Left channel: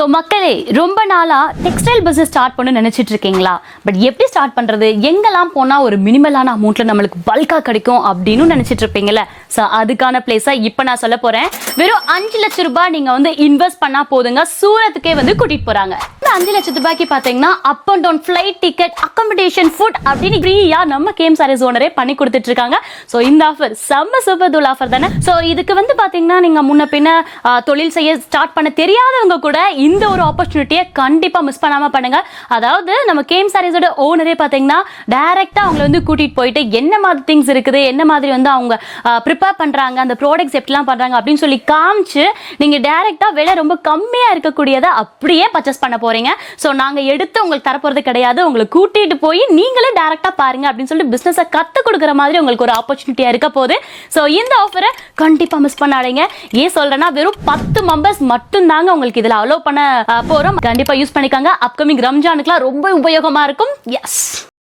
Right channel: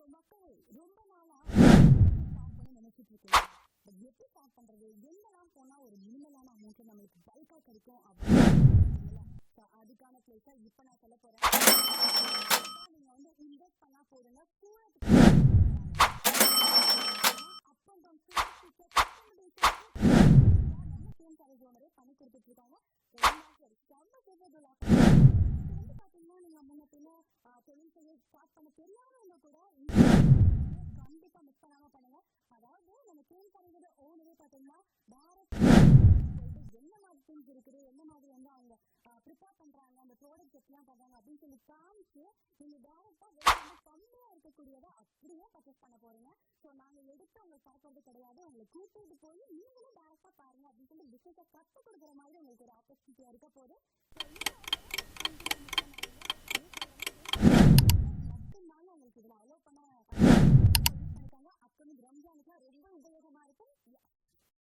So மக்களே, ரொம்ப நாளாக டெக்ஸ்டைல் பிஸ்னஸ் ஸ்டார்ட் பண்ண நினச்சிட்டு இருக்கீங்களா? பட் எப்படி ஸ்டார்ட் பண்ணுறது, எங்கெல்லாம் போனால் ஒரு மினிமலான அமௌண்ட்டில் நம்மளுக்கு பல்காக கிடைக்கும் அப்படின்னு நினச்சிட்டு இருப்பீங்களே. ஸோ அதுக்கான பிளேஸாக இப்போ நான் சொல்ல போகிறேன். வெறும் 5 லட்சம் ரூபாய் நீங்கள் வந்து இன்வெஸ்ட் பண்ணால் போதுங்க, சூரத்துக்கே வந்து கூட்டிகிட்டு போகிறாங்க. இந்த 5 லட்சம் ரூபாய்க்கு பார்த்தீங்கன்னா up and down flight ticket, accommodation, food அப்படின்னு ஃப்ரீயாக நம்ம கேம் சாரீஸ் ஓனரே பண்ணி கொடுத்துட்டு இருக்காங்க. ஸோ இந்த ஆஃபர் செம்ம சூப்பர் தூள் ஆஃபர் தானே. ஸோ இதுக்கு வந்து பார்த்தீங்கன்னா நீங்கள் முன்ன பின்ன தொழில் செய்ய ஸ்டார்ட் பண்ண தெரியாதவங்க கூட இந்த ஒரு ஆப்பர்ச்சுனிட்டியை கண்டிப்பாக மிஸ் பண்ணாமல் பண்ணுங்க. அதாவது நம்ம கேம் சாரீஸோட ஓனரே பார்த்தீங்கன்னா டைரெக்டாக அவங்களை வந்து கூட்டிகிட்டு போயிட்டு என்ன மாதிரி திங்ஸ் இருக்குது, என்ன மாதிரி வந்து அவங்க ப்ரிப்பேர் பண்ணுறாங்க, அந்த ப்ராடக்ட்ஸ் எப்படிலாம் பண்ணுறாங்க அப்படின்னு சொல்லி காமிச்சு நீங்கள் டைரெக்டாக விலை ரொம்ப கம்மியாக இருக்கக்கூடியதை அப்படியே பர்ச்சேஸ் பண்ண போகிறீங்க. ஸோ நாங்கள் எடுத்து உங்களுக்கு தரப்போகிறது கிடையாது, உங்களை கூட்டிகிட்டு போய் நீங்களே டைரெக்டாக பாருங்க அப்படின்னு சொல்லிட்டு பிஸ்னஸை கற்றுக் கொடுக்குற மாதிரி உங்களுக்கு ஒரு ஆப்பர்ச்சுனிட்டியாக இருக்க போகுது. ஸோ இந்த ஆஃபரை கண்டிப்பாக மிஸ் பண்ணாதீங்க. ஏன் சொல்கிறேன்னா வெறும் 10 மெம்பர்ஸ் மட்டும்தாங்க உங்களுக்கு இதில் அலோவ் பண்ண போகிறோம். கண்டிப்பாக யூஸ் பண்ணிக்காங்க. அப்கமிங் ரம்ஜானுக்குலாம் ரொம்ப உபயோகமாக இருக்கும். எஸ்.